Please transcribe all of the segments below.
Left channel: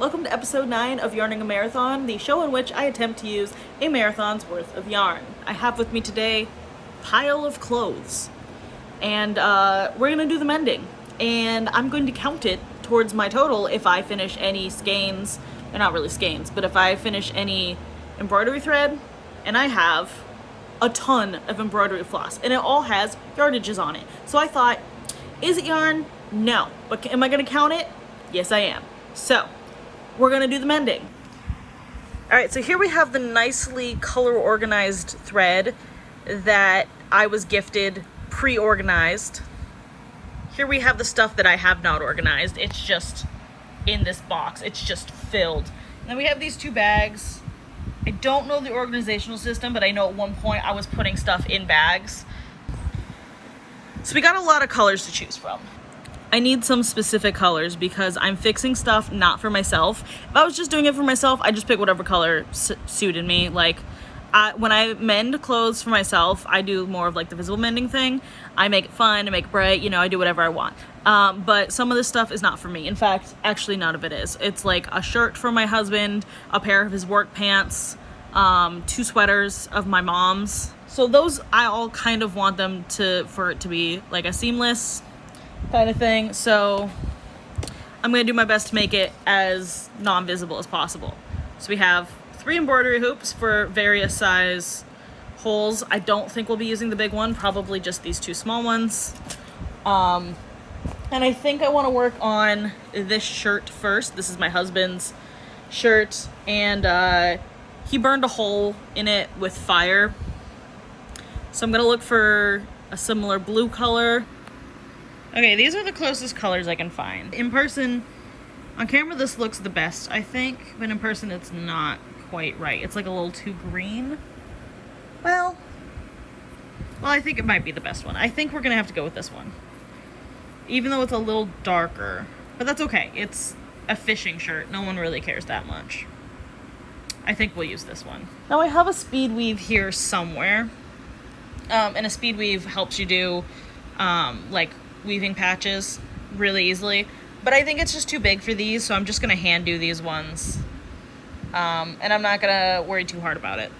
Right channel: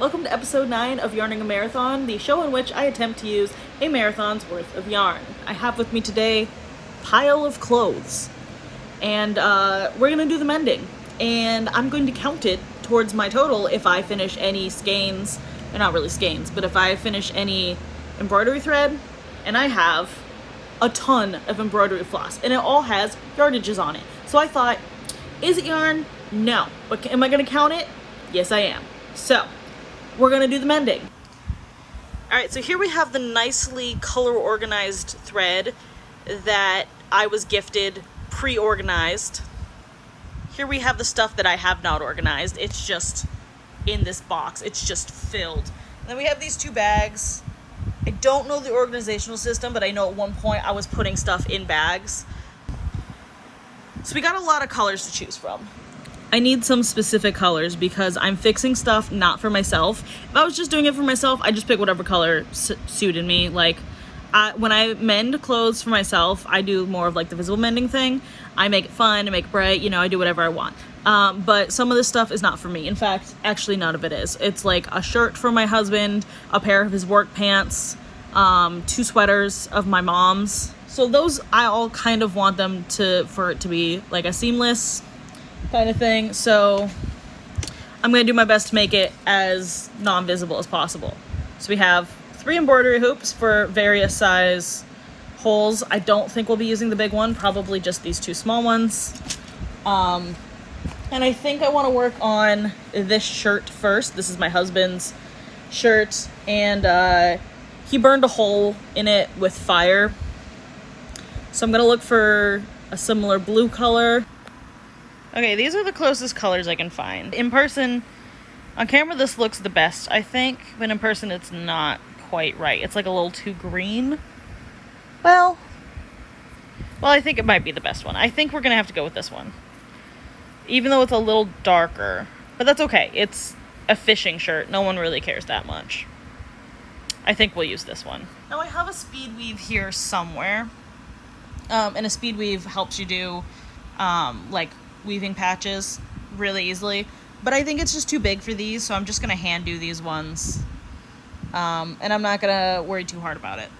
Welcome to episode 9 of Yarning a Marathon, the show in which I attempt to use a marathon's worth of yarn. I have with me today a pile of clothes, and we're going to do the mending, and I'm going to count it towards my total if I finish any skeins, or not really skeins, but if I finish any embroidery thread, and I have a ton of embroidery floss, and it all has yardages on it. So I thought, is it yarn? No. But am I going to count it? Yes, I am. So we're gonna do the mending. All right, so here we have the nicely color organized thread that I was gifted pre-organized. Here we have the stuff that I have not organized. It's just in this box. It's just filled. And then we have these two bags. I don't know the organizational system, but I know at one point I was putting stuff in bags. So we got a lot of colors to choose from. I need some specific colors because I'm fixing stuff not for myself. If I was just doing it for myself, I just pick whatever color suited me. Like, when I mend clothes for myself, I do more of like the visible mending thing. I make it fun, I make it bright, I do whatever I want. But some of this stuff is not for me. In fact, actually none of it is. It's like a shirt for my husband, a pair of his work pants, 2 sweaters of my mom's. So those, I all kind of want them for it to be like a seamless kind of thing, so I'm going to do my best to make it as non-visible as possible. So we have 3 embroidery hoops for various size holes. I don't think we'll be using the big one, probably just these 2 small ones. And I think I want to work on this shirt first. This is my husband's shirt, and he burned a hole in it with fire. So I'm going to look for a similar blue color. Okay, these are the closest colors I can find. In person, on camera this looks the best, I think, but in person it's not quite right. It's like a little too green. Well, I think it might be the best one. I think we're gonna have to go with this one. Even though it's a little darker, but that's okay. It's a fishing shirt. No one really cares that much. I think we'll use this one. Now I have a speed weave here somewhere. And a speed weave helps you do, like, weaving patches really easily, but I think it's just too big for these, so I'm just gonna hand do these ones, and I'm not gonna worry too hard about it.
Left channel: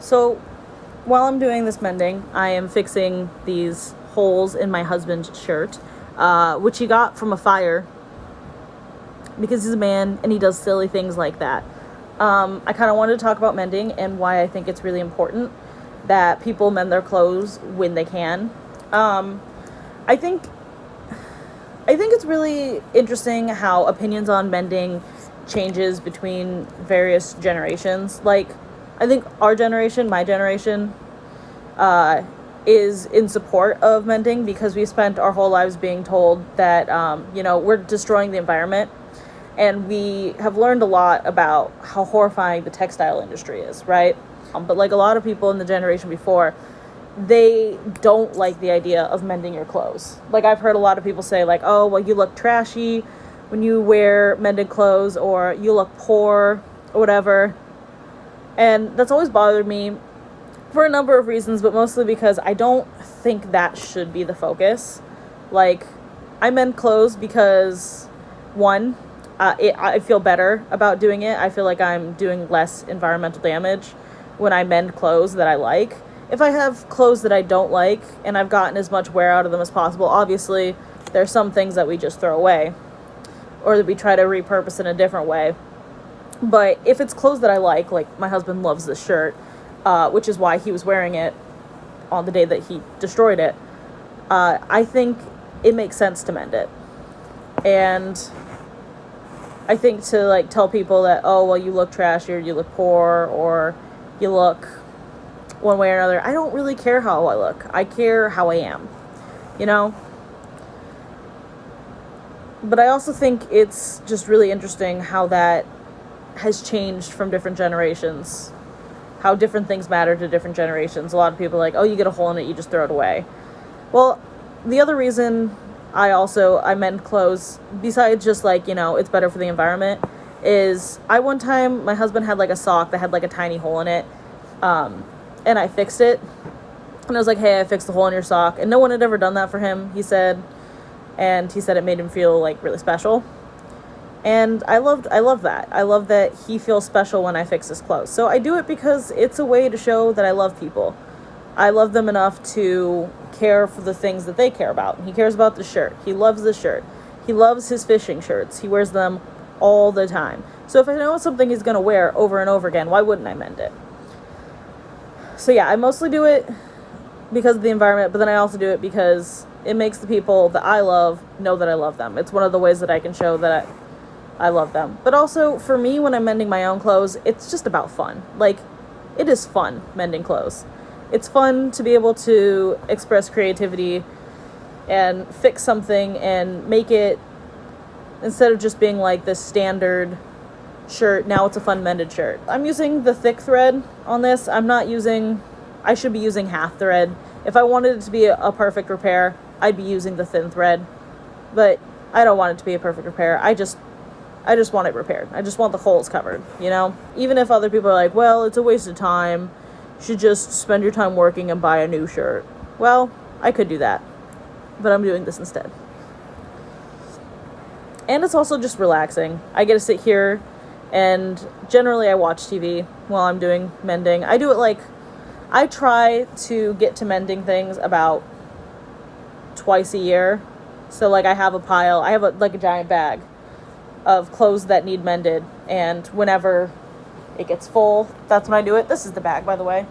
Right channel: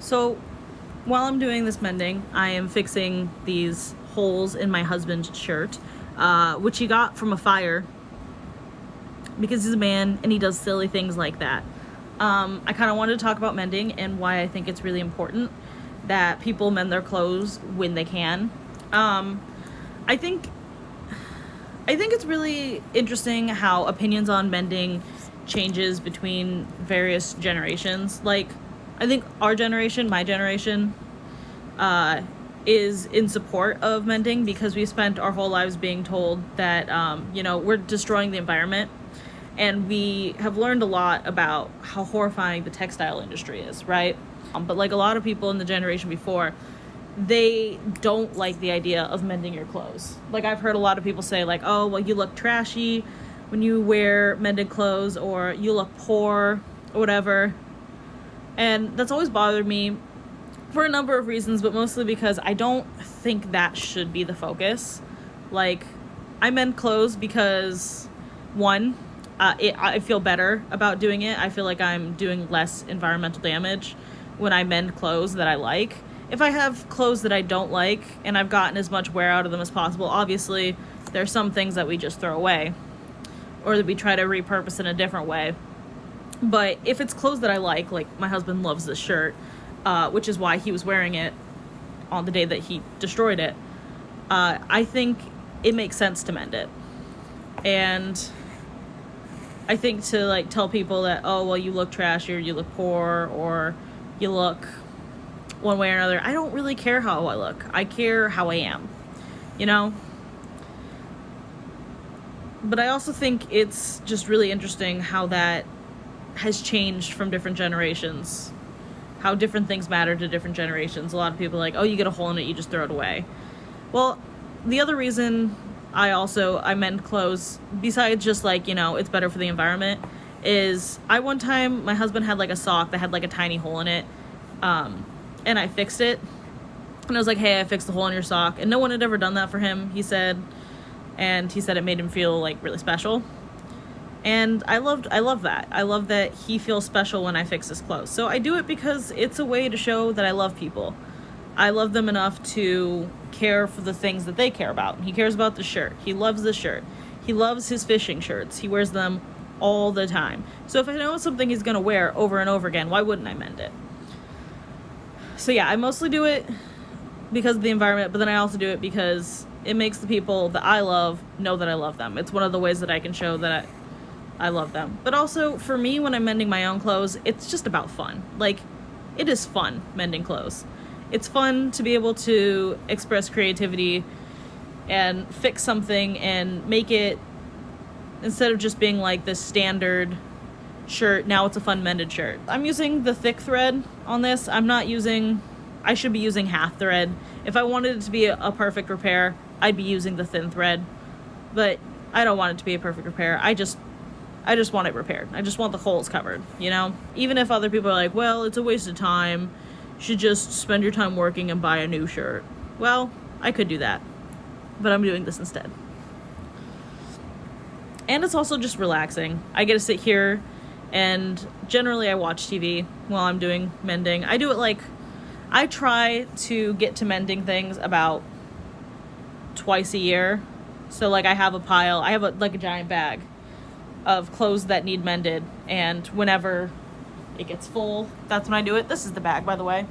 So while I'm doing this mending, I am fixing these holes in my husband's shirt, which he got from a fire because he's a man and he does silly things like that. I kind of wanted to talk about mending and why I think it's really important that people mend their clothes when they can. I think it's really interesting how opinions on mending changes between various generations. Like, I think our generation, my generation, is in support of mending because we spent our whole lives being told that, we're destroying the environment. And we have learned a lot about how horrifying the textile industry is, right? But like a lot of people in the generation before, they don't like the idea of mending your clothes. Like, I've heard a lot of people say, like, oh, well, you look trashy when you wear mended clothes, or you look poor, or whatever. And that's always bothered me for a number of reasons, but mostly because I don't think that should be the focus. Like, I mend clothes because, one, I feel better about doing it. I feel like I'm doing less environmental damage when I mend clothes that I like. If I have clothes that I don't like and I've gotten as much wear out of them as possible, obviously there's some things that we just throw away or that we try to repurpose in a different way. But if it's clothes that I like my husband loves this shirt, which is why he was wearing it on the day that he destroyed it, I think it makes sense to mend it. And I think to tell people that, oh, well, you look trashy or you look poor or you look one way or another, I don't really care how I look. I care how I am, But I also think it's just really interesting how that has changed from different generations, how different things matter to different generations. A lot of people are like, oh, you get a hole in it, you just throw it away. Well, the other reason I mend clothes, besides just it's better for the environment, is one time my husband had a sock that had a tiny hole in it, and I fixed it, and I was like, hey, I fixed the hole in your sock, and no one had ever done that for him, he said, and he said it made him feel really special. And I love that. I love that he feels special when I fix his clothes. So I do it because it's a way to show that I love people. I love them enough to care for the things that they care about. He cares about the shirt. He loves the shirt. He loves his fishing shirts. He wears them all the time. So if I know it's something he's going to wear over and over again, why wouldn't I mend it? So yeah, I mostly do it because of the environment, but then I also do it because it makes the people that I love know that I love them. It's one of the ways that I can show that I love them. But also, for me, when I'm mending my own clothes, it's just about fun. Like, it is fun mending clothes. It's fun to be able to express creativity and fix something and make it, instead of just being like this standard shirt, now it's a fun mended shirt. I'm using the thick thread on this. I should be using half thread. If I wanted it to be a perfect repair, I'd be using the thin thread. But I don't want it to be a perfect repair. I just want it repaired. I just want the holes covered, you know? Even if other people are like, well, it's a waste of time. You should just spend your time working and buy a new shirt. Well, I could do that. But I'm doing this instead. And it's also just relaxing. I get to sit here, and generally I watch TV while I'm doing mending. I try to get to mending things about twice a year. So like I have a giant bag of clothes that need mended, and whenever it gets full, that's when I do it. This is the bag, by the way.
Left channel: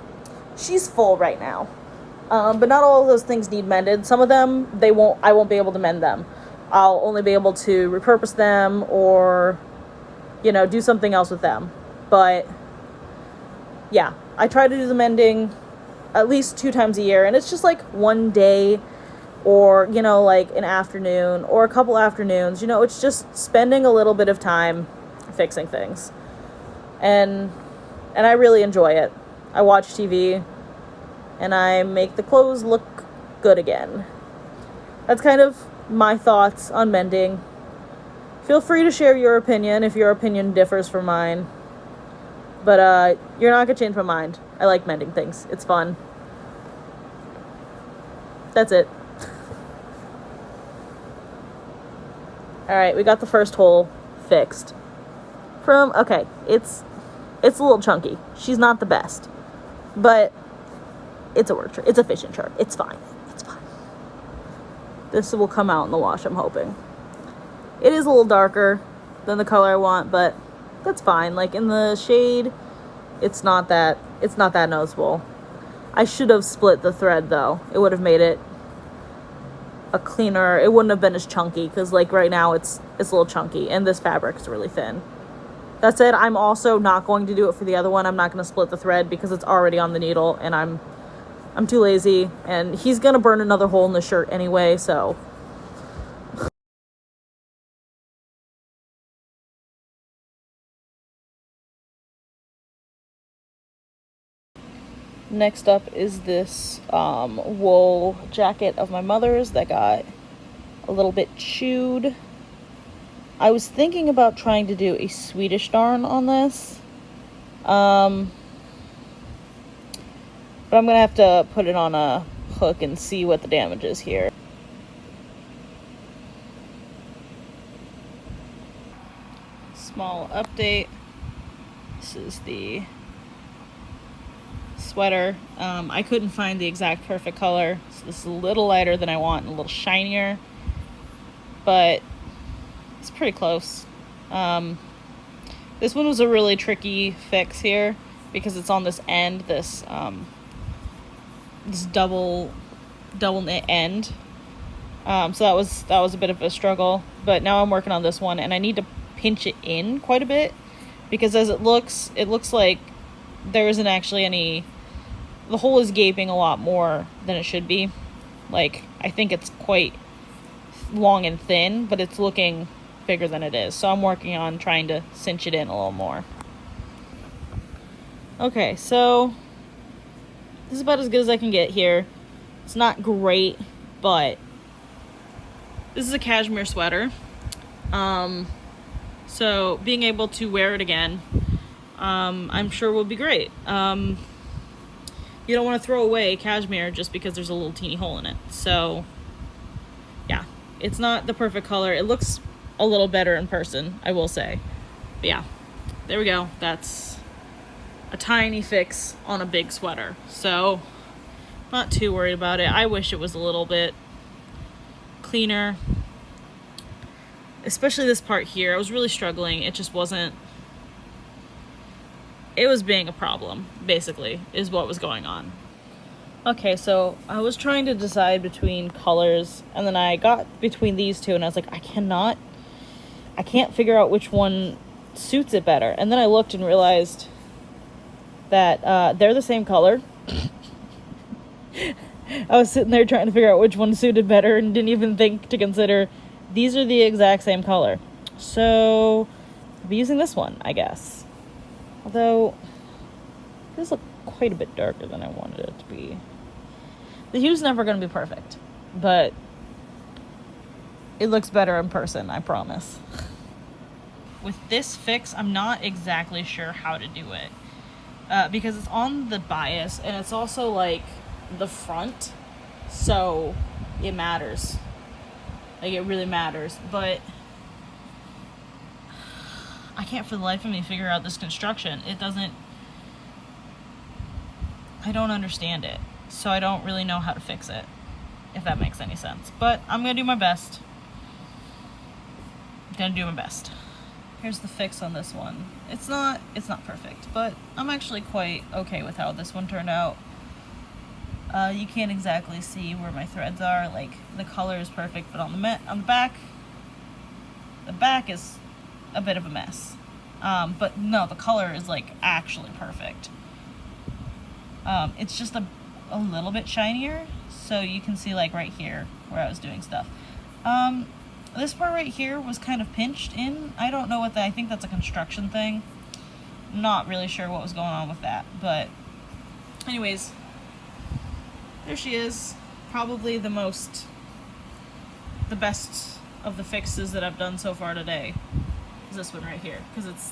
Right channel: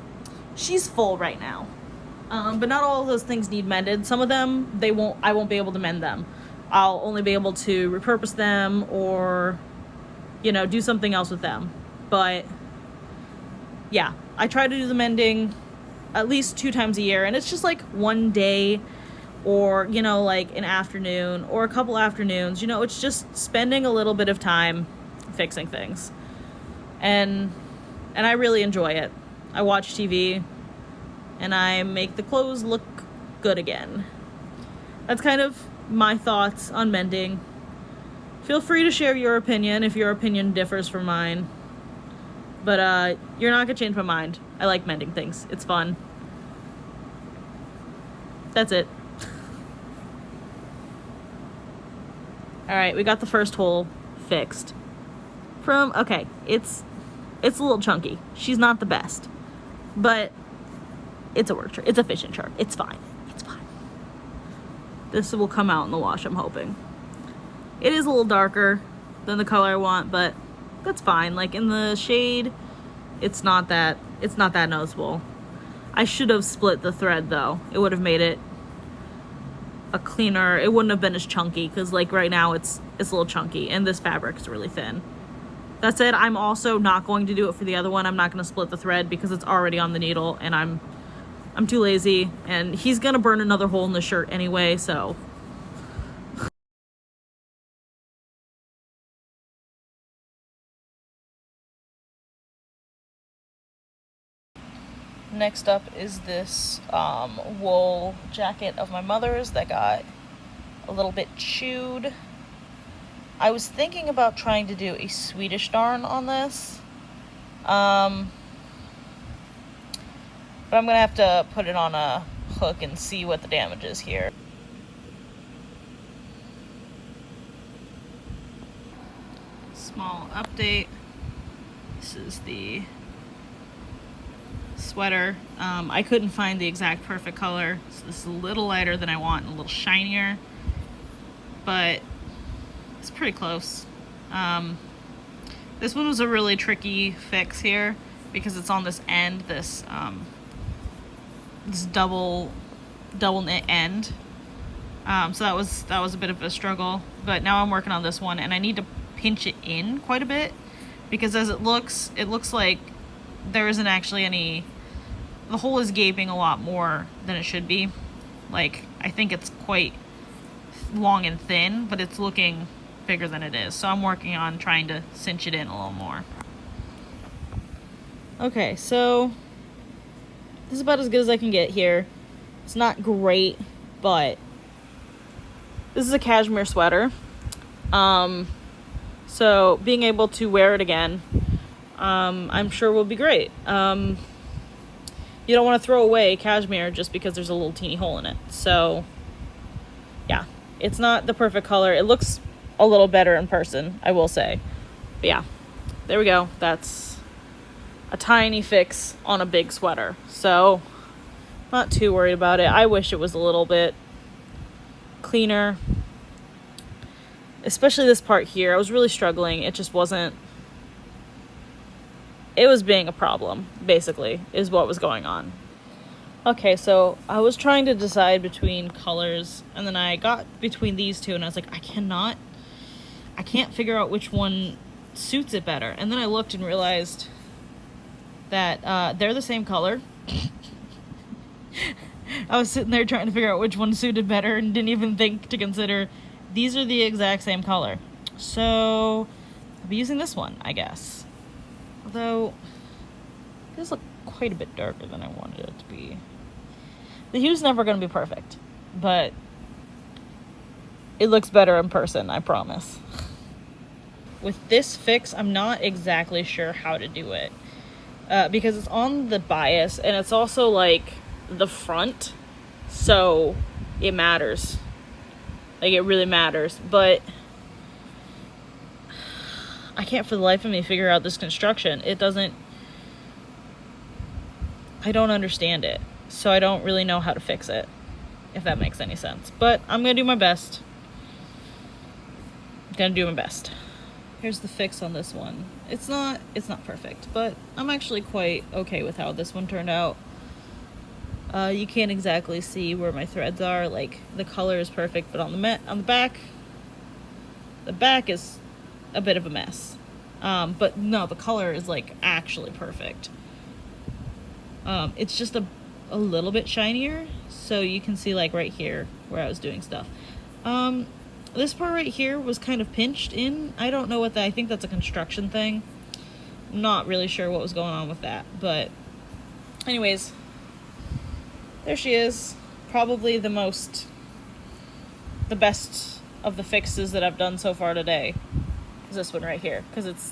She's full right now. But not all of those things need mended. Some of them, I won't be able to mend them. I'll only be able to repurpose them or, do something else with them. But yeah, I try to do the mending at least 2 times a year, and it's just like one day or, like an afternoon or a couple afternoons. It's just spending a little bit of time fixing things. And I really enjoy it. I watch TV and I make the clothes look good again. That's kind of my thoughts on mending. Feel free to share your opinion if your opinion differs from mine. But you're not gonna change my mind. I like mending things. It's fun. That's it. Alright, we got the first hole fixed. Okay, it's a little chunky. She's not the best. But it's a work shirt. It's a fishing shirt. It's fine. It's fine. This will come out in the wash, I'm hoping. It is a little darker than the color I want, but that's fine. Like in the shade, it's not that noticeable. I should have split the thread though. It would have made it a cleaner, it wouldn't have been as chunky, because like right now it's a little chunky and this fabric is really thin. That said, I'm also not going to do it for the other one. I'm not going to split the thread because it's already on the needle and I'm too lazy, and he's going to burn another hole in the shirt anyway, so. Next up is this wool jacket of my mother's that got a little bit chewed. I was thinking about trying to do a Swedish darn on this. But I'm gonna have to put it on a hook and see what the damage is here. Small update. This is the sweater. I couldn't find the exact perfect color. So this is a little lighter than I want and a little shinier, but it's pretty close. This one was a really tricky fix here because it's on this end, this double knit end. So that was a bit of a struggle, but now I'm working on this one and I need to pinch it in quite a bit because as it looks like there isn't actually the hole is gaping a lot more than it should be. Like, I think it's quite long and thin, but it's looking bigger than it is. So I'm working on trying to cinch it in a little more. Okay, so this is about as good as I can get here. It's not great, but this is a cashmere sweater. So being able to wear it again, I'm sure will be great. You don't want to throw away cashmere just because there's a little teeny hole in it. So yeah, it's not the perfect color. It looks a little better in person, I will say. But yeah, there we go. That's a tiny fix on a big sweater. So, not too worried about it. I wish it was a little bit cleaner. Especially this part here. I was really struggling. It just wasn't... It was being a problem, basically, is what was going on. Okay, so I was trying to decide between colors, and then I got between these two, and I was like, I can't figure out which one suits it better. And then I looked and realized that they're the same color. I was sitting there trying to figure out which one suited better and didn't even think to consider these are the exact same color. So I'll be using this one, I guess. Although, it does look quite a bit darker than I wanted it to be. The hue's never going to be perfect, but it looks better in person, I promise. With this fix, I'm not exactly sure how to do it. Because it's on the bias, and it's also, like, the front, so it matters. Like, it really matters, but I can't for the life of me figure out this construction. It doesn't... I don't understand it, so I don't really know how to fix it, if that makes any sense. But I'm gonna do my best. Here's the fix on this one. It's not perfect, but I'm actually quite okay with how this one turned out. You can't exactly see where my threads are. Like, the color is perfect, but on the back is a bit of a mess. But no, the color is, like, actually perfect. It's just a little bit shinier, so you can see, like, right here where I was doing stuff. This part right here was kind of pinched in. I don't know I think that's a construction thing. I'm not really sure what was going on with that, but anyways, there she is. Probably the best of the fixes that I've done so far today is this one right here, because it's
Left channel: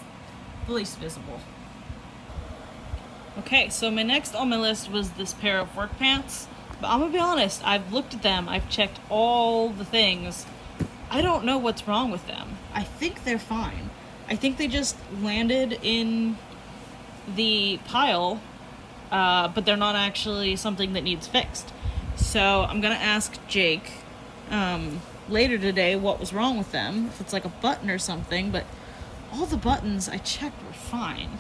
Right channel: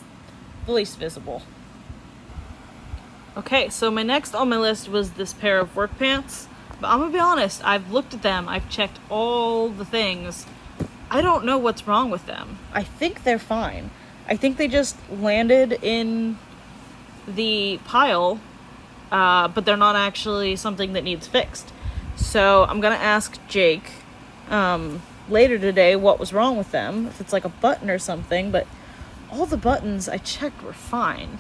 the least visible. Okay, so my next on my list was this pair of work pants, but I'm gonna be honest, I've looked at them, I've checked all the things. I don't know what's wrong with them. I think they're fine. I think they just landed in the pile, but they're not actually something that needs fixed. So I'm gonna ask Jake later today what was wrong with them, if it's like a button or something, but all the buttons I checked were fine.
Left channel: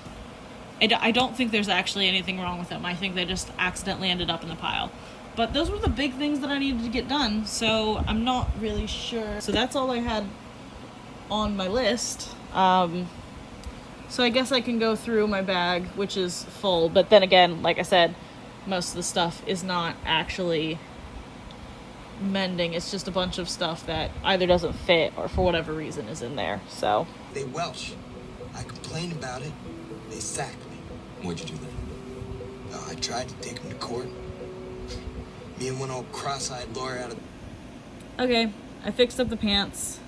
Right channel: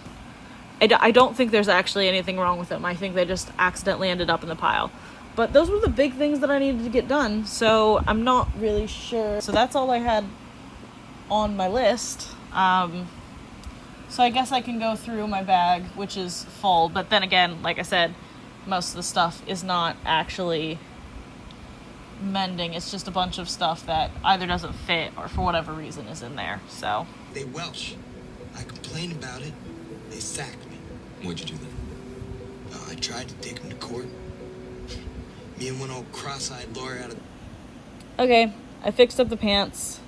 I don't think there's actually anything wrong with them. I think they just accidentally ended up in the pile. But those were the big things that I needed to get done, so I'm not really sure. So that's all I had on my list. So I guess I can go through my bag, which is full, but then again, like I said, most of the stuff is not actually mending. It's just a bunch of stuff that either doesn't fit or for whatever reason is in there, so. They Welsh. I complained about it. They sacked me. What'd you do then? I tried to take them to court. Me and one old cross-eyed lawyer out of... Okay, I fixed up the pants.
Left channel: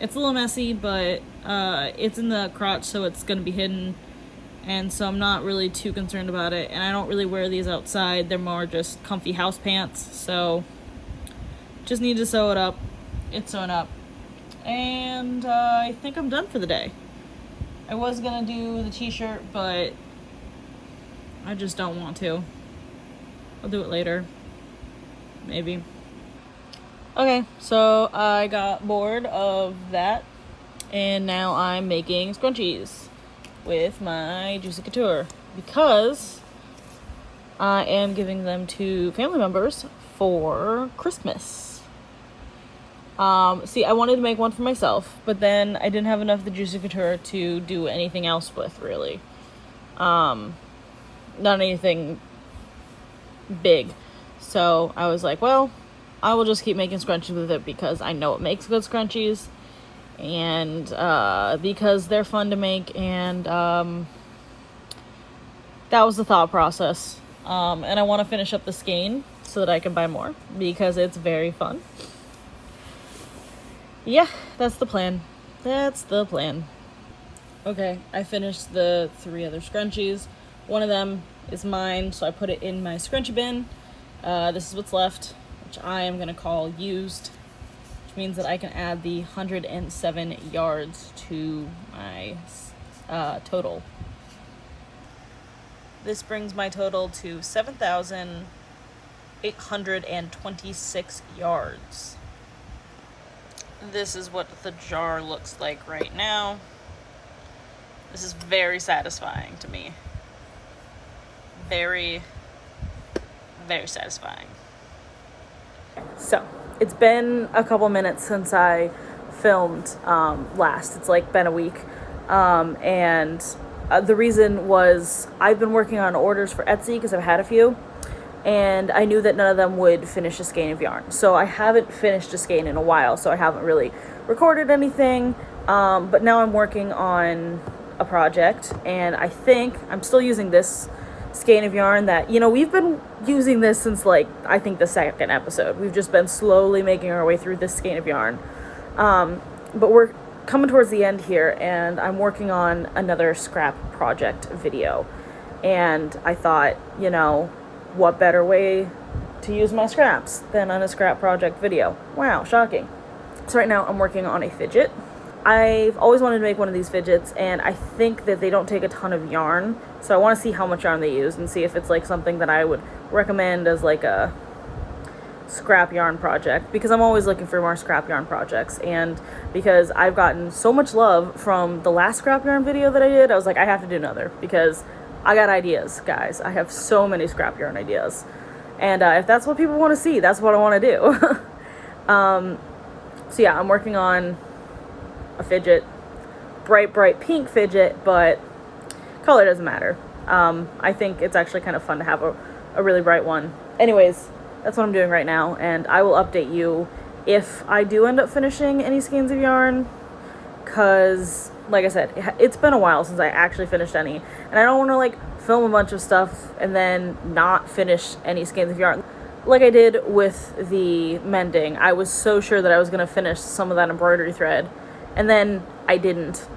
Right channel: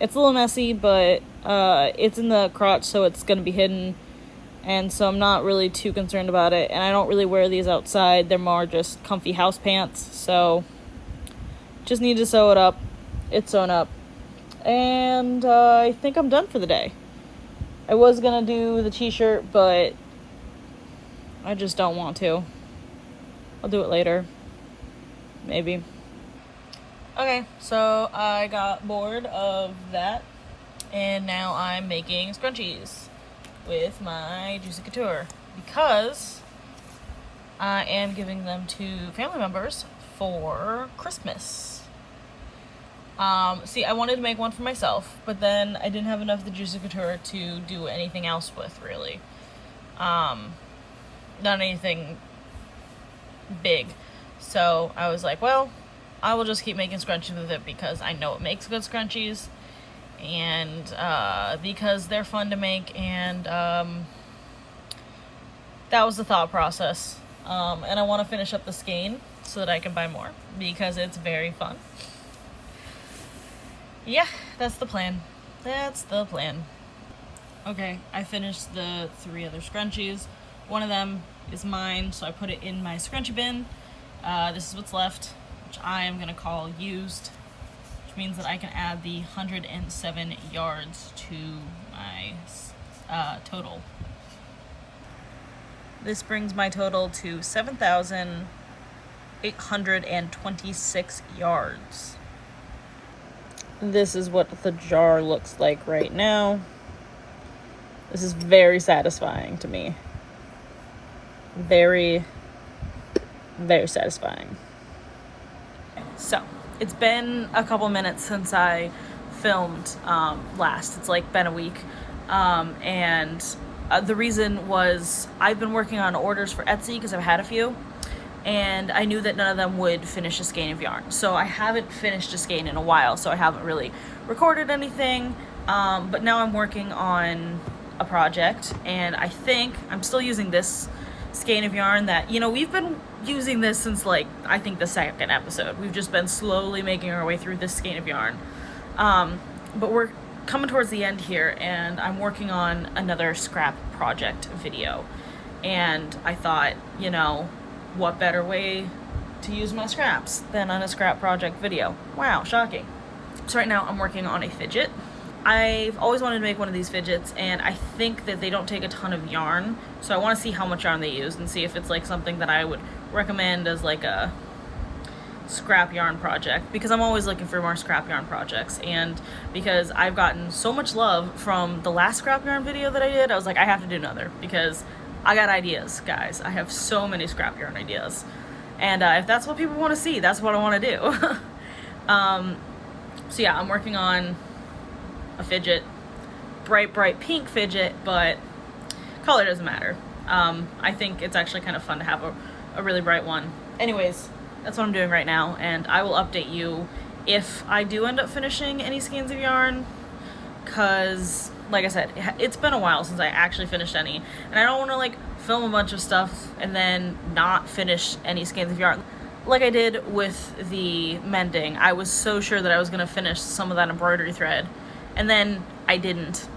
It's a little messy, but it's in the crotch, so it's gonna be hidden. And so I'm not really too concerned about it. And I don't really wear these outside. They're more just comfy house pants. So just need to sew it up. It's sewn up. And I think I'm done for the day. I was gonna do the t-shirt, but I just don't want to. I'll do it later. Maybe. Okay, so I got bored of that, and now I'm making scrunchies with my Juicy Couture because I am giving them to family members for Christmas. See, I wanted to make one for myself, but then I didn't have enough of the Juicy Couture to do anything else with, really. Not anything big. So I was like, well, I will just keep making scrunchies with it because I know it makes good scrunchies, and because they're fun to make, and that was the thought process. And I want to finish up the skein so that I can buy more because it's very fun. Yeah, that's the plan. Okay, I finished the 3 other scrunchies. One of them is mine, so I put it in my scrunchie bin. This is what's left, which I am gonna call used. which means that I can add the 107 yards to my total. This brings my total to 7,826 yards. This is what the jar looks like right now. This is very satisfying to me. Very, very satisfying. So, it's been a couple minutes since I filmed last. It's like been a week. And the reason was I've been working on orders for Etsy because I've had a few. And I knew that none of them would finish a skein of yarn. So I haven't finished a skein in a while, so I haven't really recorded anything. But now I'm working on a project, and I think I'm still using this skein of yarn that, you know, we've been using this since like, I think the second episode. We've just been slowly making our way through this skein of yarn. But we're coming towards the end here, and I'm working on another scrap project video. And I thought, you know, what better way to use my scraps than on a scrap project video? Wow, shocking. So right now I'm working on a fidget. I've always wanted to make one of these fidgets, and I think that they don't take a ton of yarn, so I want to see how much yarn they use and see if it's like something that I would recommend as like a scrap yarn project, because I'm always looking for more scrap yarn projects. And because I've gotten so much love from the last scrap yarn video that I did, I was like, I have to do another, because I got ideas, guys. I have so many scrap yarn ideas. And if that's what people want to see, that's what I want to do. So yeah, I'm working on a fidget. Bright pink fidget, but color doesn't matter. I think it's actually kind of fun to have a really bright one. Anyways, that's what I'm doing right now, and I will update you if I do end up finishing any skeins of yarn, because like I said, it's been a while since I actually finished any, and I don't want to like film a bunch of stuff and then not finish any skeins of yarn. Like I did with the mending, I was so sure that I was going to finish some of that embroidery thread, and then I didn't.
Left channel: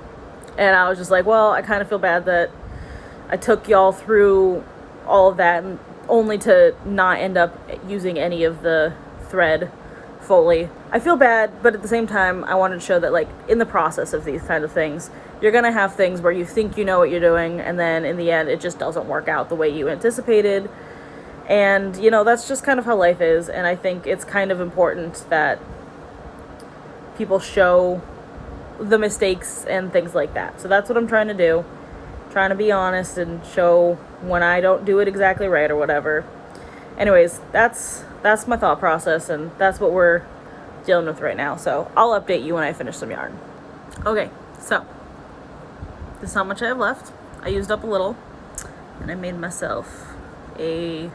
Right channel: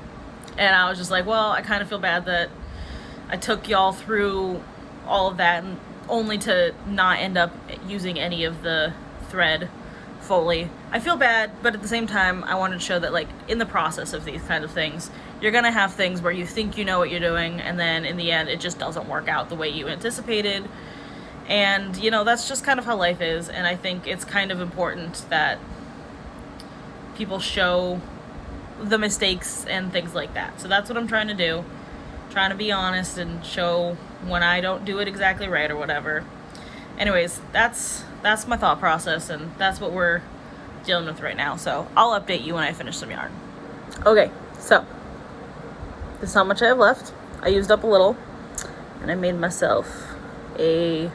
And I was just like, well, I kind of feel bad that I took y'all through all of that and only to not end up using any of the thread fully. I feel bad, but at the same time, I wanted to show that like in the process of these kind of things, you're gonna have things where you think you know what you're doing, and then in the end, it just doesn't work out the way you anticipated. And, you know, that's just kind of how life is, and I think it's kind of important that people show the mistakes and things like that. So that's what I'm trying to do. Trying to be honest and show when I don't do it exactly right or whatever. Anyways, that's my thought process, and that's what we're dealing with right now. So I'll update you when I finish some yarn. Okay, so this is how much I have left. I used up a little, and I made myself a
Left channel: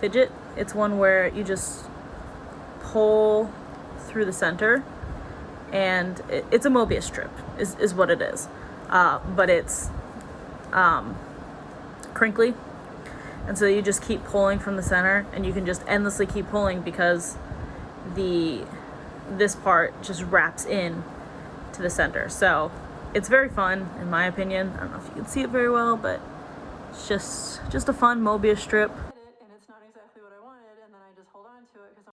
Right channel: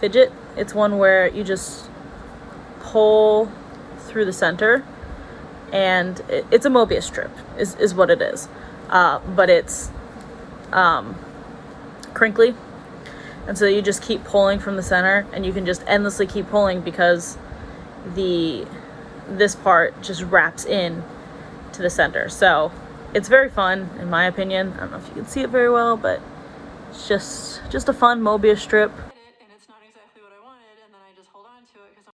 fidget. It's one where you just pull through the center, and it's a Mobius strip is what it is. But it's crinkly, and so you just keep pulling from the center, and you can just endlessly keep pulling because this part just wraps in to the center. So it's very fun, in my opinion. I don't know if you can see it very well, but it's just a fun Mobius strip. And it's not exactly what I wanted, and then I just hold on to it because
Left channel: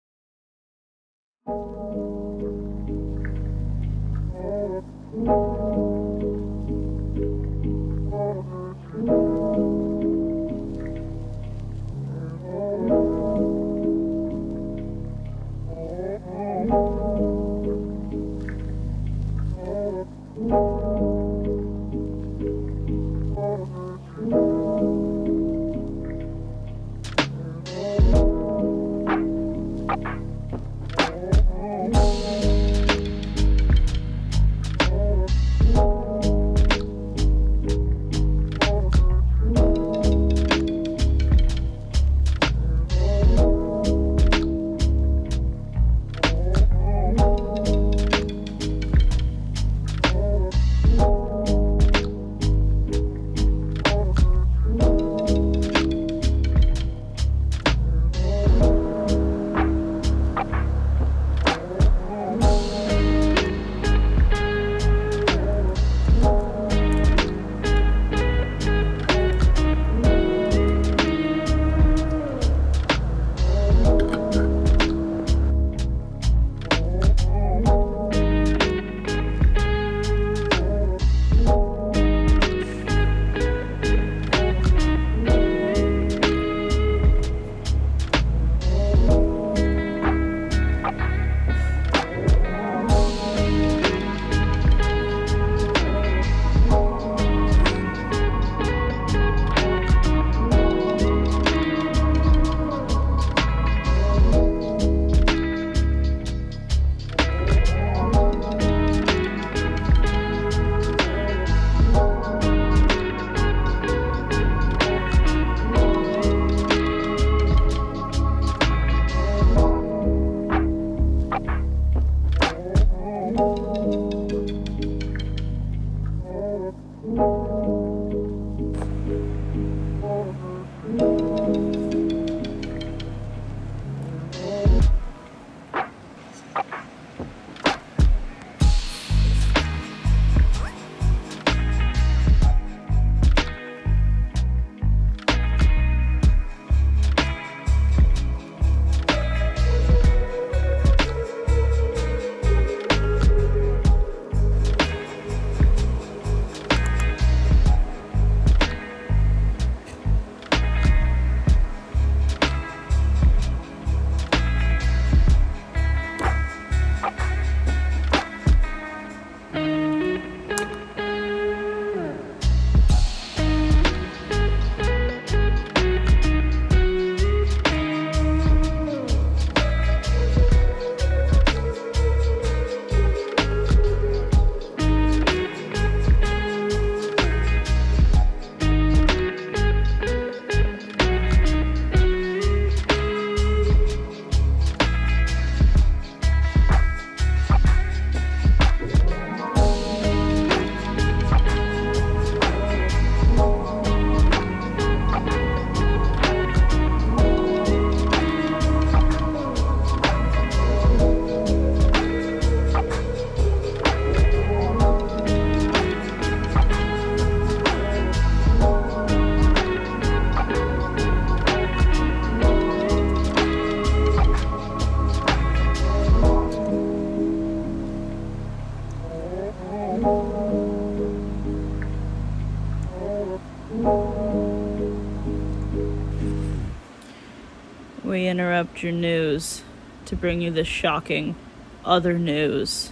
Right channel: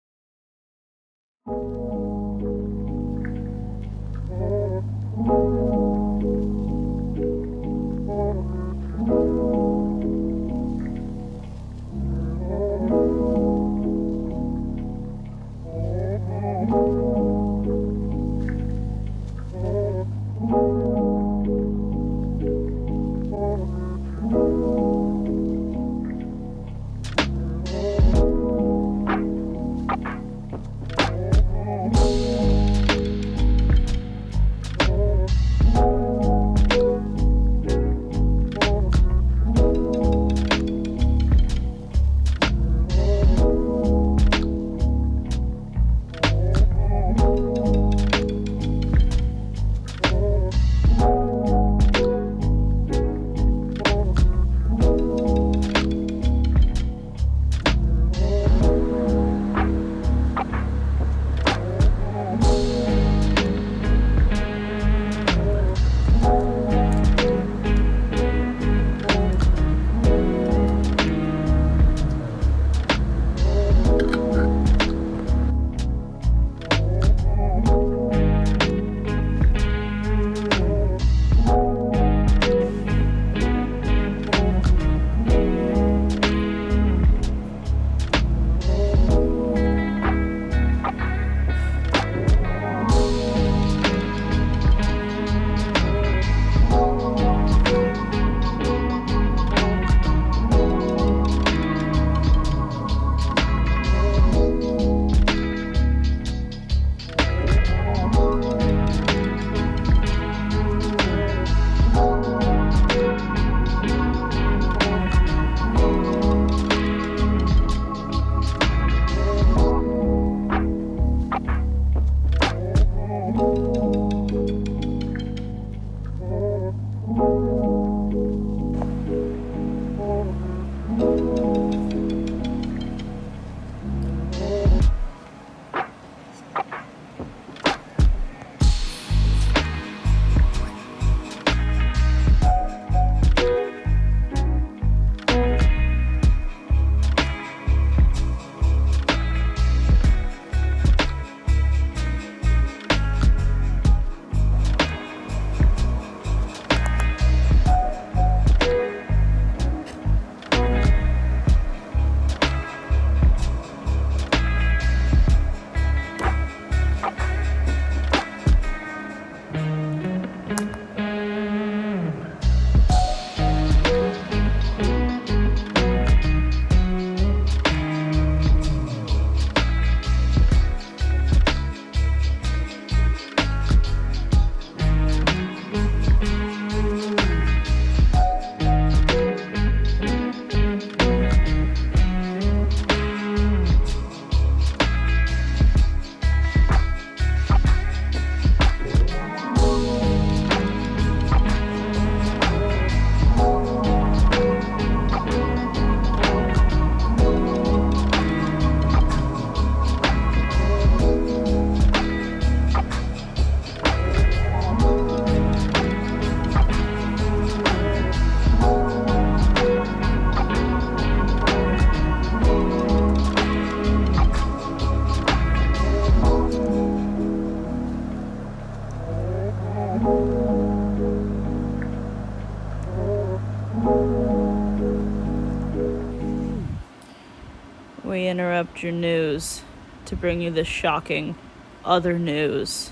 interrupt your news to bring you this shocking other news.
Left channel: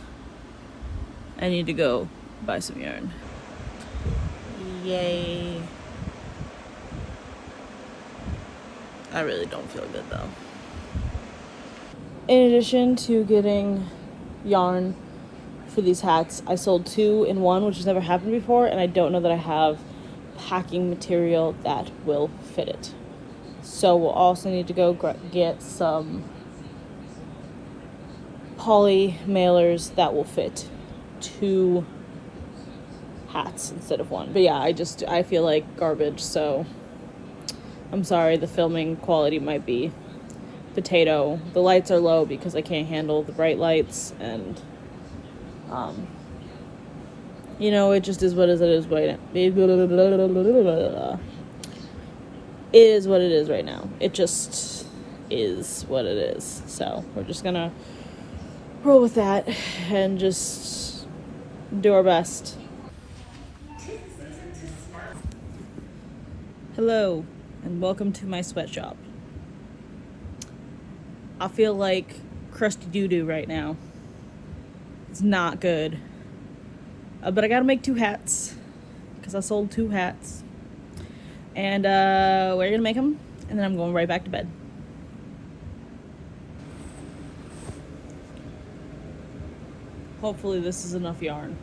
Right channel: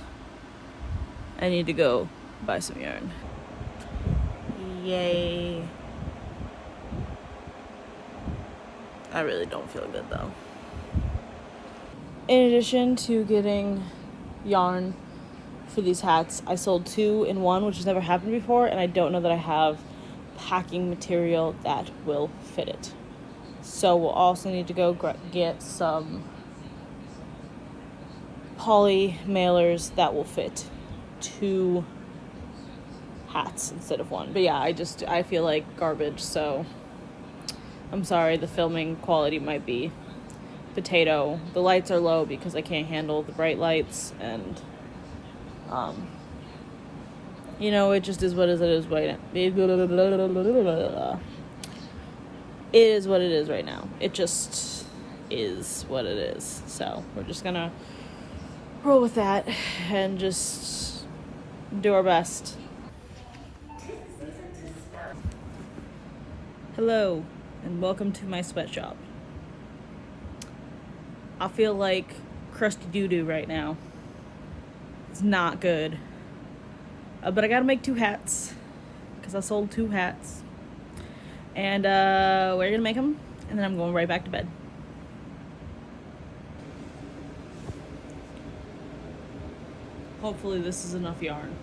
I need to go buy some yarn. Yay. I really don't feel good though. In addition to getting yarn for these hats, I sold 2 in 1, which has never happened before, and I don't know that I have packing material that will fit it. So we'll also need to go get some poly mailers that will fit 2 hats instead of 1. But yeah, I feel like garbage, so I'm sorry, the filming quality might be potato. The lights are low because I can't handle the bright lights, and you know, it just is what it is right now. It is what it is right now. It just is what it is. So we're just gonna roll with that and just do our best. Hello, and welcome to my sweatshop. I feel like crusty doo-doo right now. It's not good. But I gotta make 2 hats, because I sold 2 hats. And we're gonna make them, and then I'm going right back to bed. Hopefully this is enough yarn.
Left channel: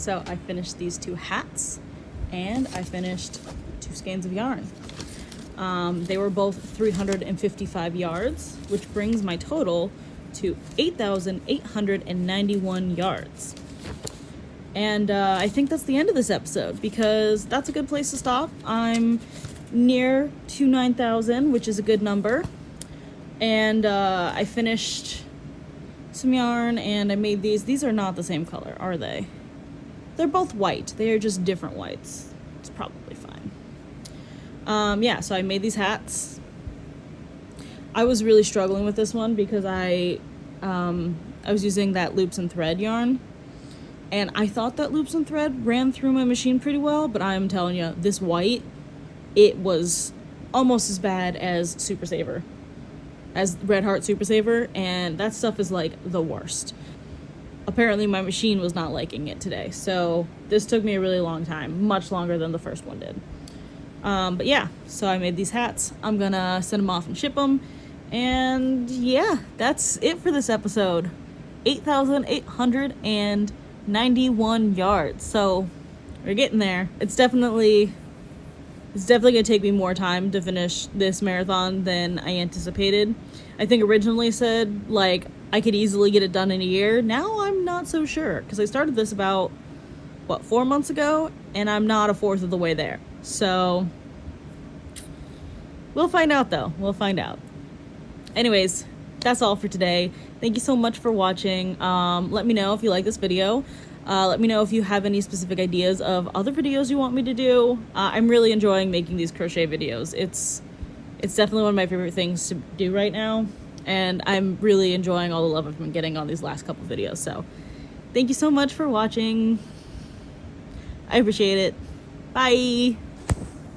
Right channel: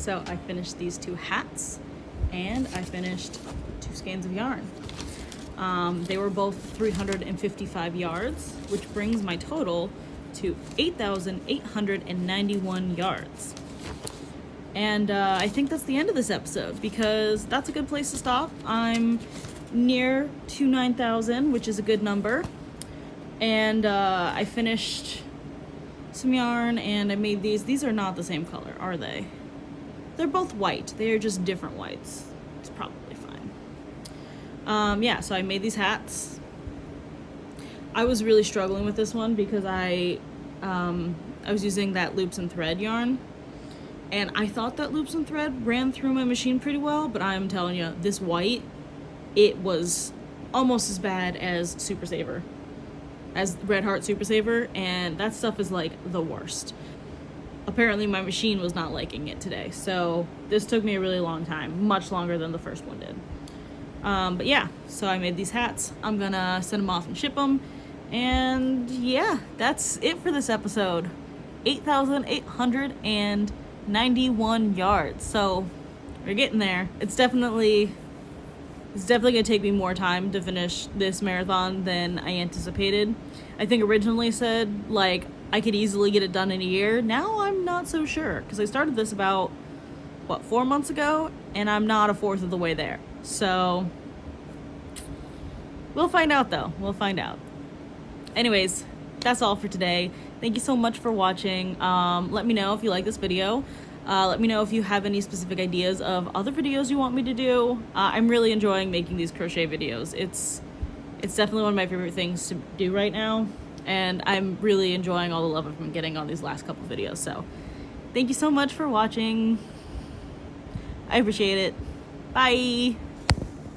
So I finished these 2 hats, and I finished 2 skeins of yarn. They were both 355 yards, which brings my total to 8,891 yards. And I think that's the end of this episode, because that's a good place to stop. I'm near to 9,000, which is a good number. And I finished some yarn, and I made these. These are not the same color, are they? They're both white. They are just different whites. It's probably fine. Yeah, so I made these hats. I was really struggling with this one because I was using that loops and thread yarn, and I thought that loops and thread ran through my machine pretty well, but I'm telling you, this white, it was almost as bad as Super Saver, as Red Heart Super Saver, and that stuff is like the worst. Apparently my machine was not liking it today, so this took me a really long time, much longer than the first one did. But yeah, so I made these hats. I'm gonna send them off and ship them, and yeah, that's it for this episode. 8,891 yards, so we're getting there. It's definitely gonna take me more time to finish this marathon than I anticipated. I think originally said like I could easily get it done in a year. Now I'm not so sure, because I started this about what, 4 months ago, and I'm not a fourth of the way there. So we'll find out though. We'll find out. Anyways, that's all for today. Thank you so much for watching. Let me know if you like this video. Let me know if you have any specific ideas of other videos you want me to do. I'm really enjoying making these crochet videos. It's definitely one of my favorite things to do right now, and I'm really enjoying all the love I've been getting on these last couple videos. So thank you so much for watching. I appreciate it. Bye.